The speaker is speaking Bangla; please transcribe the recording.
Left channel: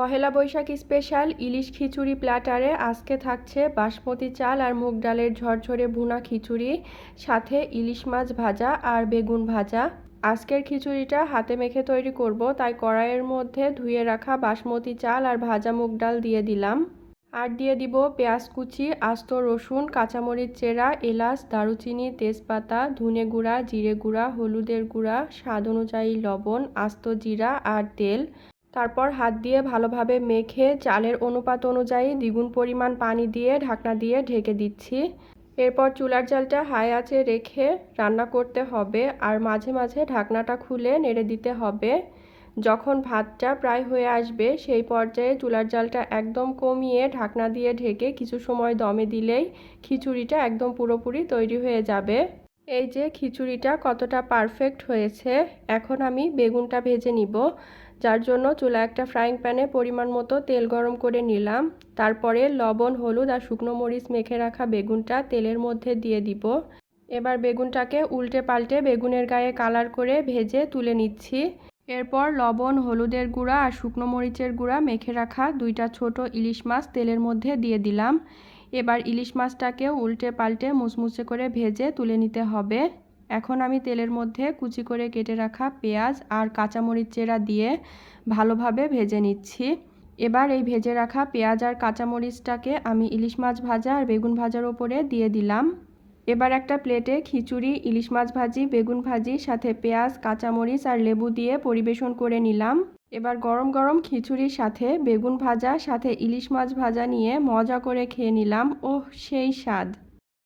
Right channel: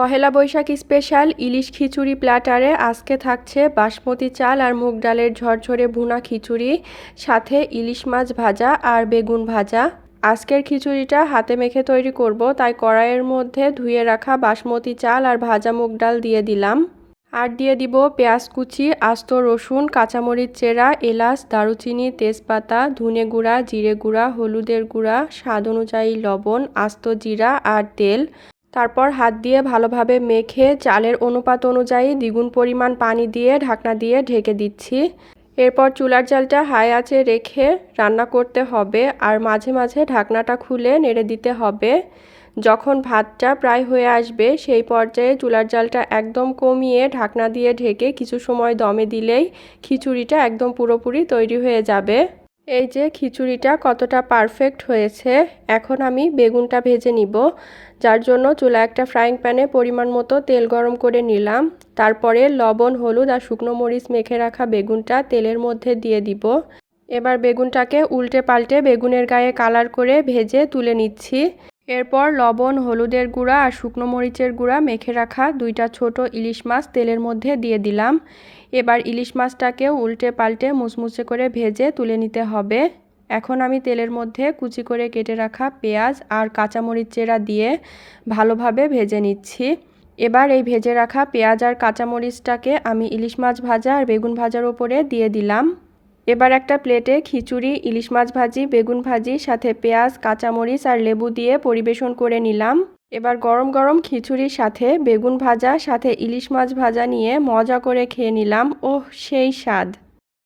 পহেলা বৈশাখ স্পেশাল ইলিশ খিচুড়ি প্ল্যাটারে আজকে থাকছে বাসমতি চাল আর মুগ ডালের ঝরঝরে ভুনা খিচুড়ি, সাথে ইলিশ মাছ ভাজা আর বেগুন ভাজা। আজকের খিচুড়িটা হাতে মেখে তৈরি করব, তাই কড়াইয়ের মধ্যে ধুয়ে রাখা বাসমতি চাল আর ভাজা মুগ ডাল দিয়ে দিলাম। আর দিয়ে দিব পেঁয়াজ কুচি, আস্ত রসুন, কাঁচামরিচ চেরা, এলাচ, দারুচিনি, তেজপাতা, ধনে গুঁড়া, জিরে গুঁড়া, হলুদের গুঁড়া, স্বাদ অনুযায়ী লবণ, আস্ত জিরা আর তেল। তারপর হাত দিয়ে ভালোভাবে মেখে চালের অনুপাত অনুযায়ী দ্বিগুণ পরিমাণ পানি দিয়ে ঢাকনা দিয়ে ঢেকে দিচ্ছি। এরপর চুলার জালটা হাই আঁচে রেখে রান্না করতে হবে, আর মাঝে মাঝে ঢাকনাটা খুলে নেড়ে দিতে হবে। যখন ভাতটা প্রায় হয়ে আসবে সেই পর্যায়ে চুলার জালটা একদম কমিয়ে ঢাকনা দিয়ে ঢেকে কিছু সময় দমে দিলেই খিচুড়িটা একদম পুরোপুরি তৈরি হয়ে যাবে। এই যে খিচুড়িটা কতটা পারফেক্ট হয়েছে। এখন আমি বেগুনটা ভেজে নিব, যার জন্য চুলা একটা ফ্রাইং প্যানে পরিমাণ মতো তেল গরম করে নিলাম। তারপরে লবণ, হলুদ আর শুকনো মরিচ মেখে রাখা বেগুনটা তেলের মধ্যে দিয়ে দিব। এবার বেগুনটাকে উল্টে পাল্টে বেগুনের গায়ে কালার করে ভেজে তুলে নিচ্ছি। এরপর লবণ, হলুদের গুঁড়া আর শুকনো মরিচের গুঁড়া মেখে রাখা দুইটা ছোট ইলিশ মাছ তেলের মধ্যে দিয়ে দিলাম। এবার ইলিশ মাছটাকেও উল্টে পাল্টে মুচমুচে করে ভেজে তুলে নিতে হবে। এখন আমি তেলের মধ্যে কুচি করে কেটে রাখা পেঁয়াজ আর কাঁচামরিচ চেরা দিয়ে ভালোভাবে ভেজে নিচ্ছি। এবার এই ভেজে রাখা পেঁয়াজ আর কাঁচামরিচটাকে আমি ইলিশ মাছ ভাজা আর বেগুন ভাজার ওপরে দিয়ে দিলাম। এবার একটা প্লেটে খিচুড়ি, ইলিশ মাছ ভাজি, বেগুন ভাজি সাথে পেঁয়াজ, কাঁচামরিচ আর লেবু দিয়ে পরিবেশন করে নিলাম। এবার গরম গরম খিচুড়ির সাথে বেগুন ভাজা সাথে ইলিশ মাছ ভাজা নিয়ে মজা করে খেয়ে নিলাম। ওহ, সেই স্বাদ!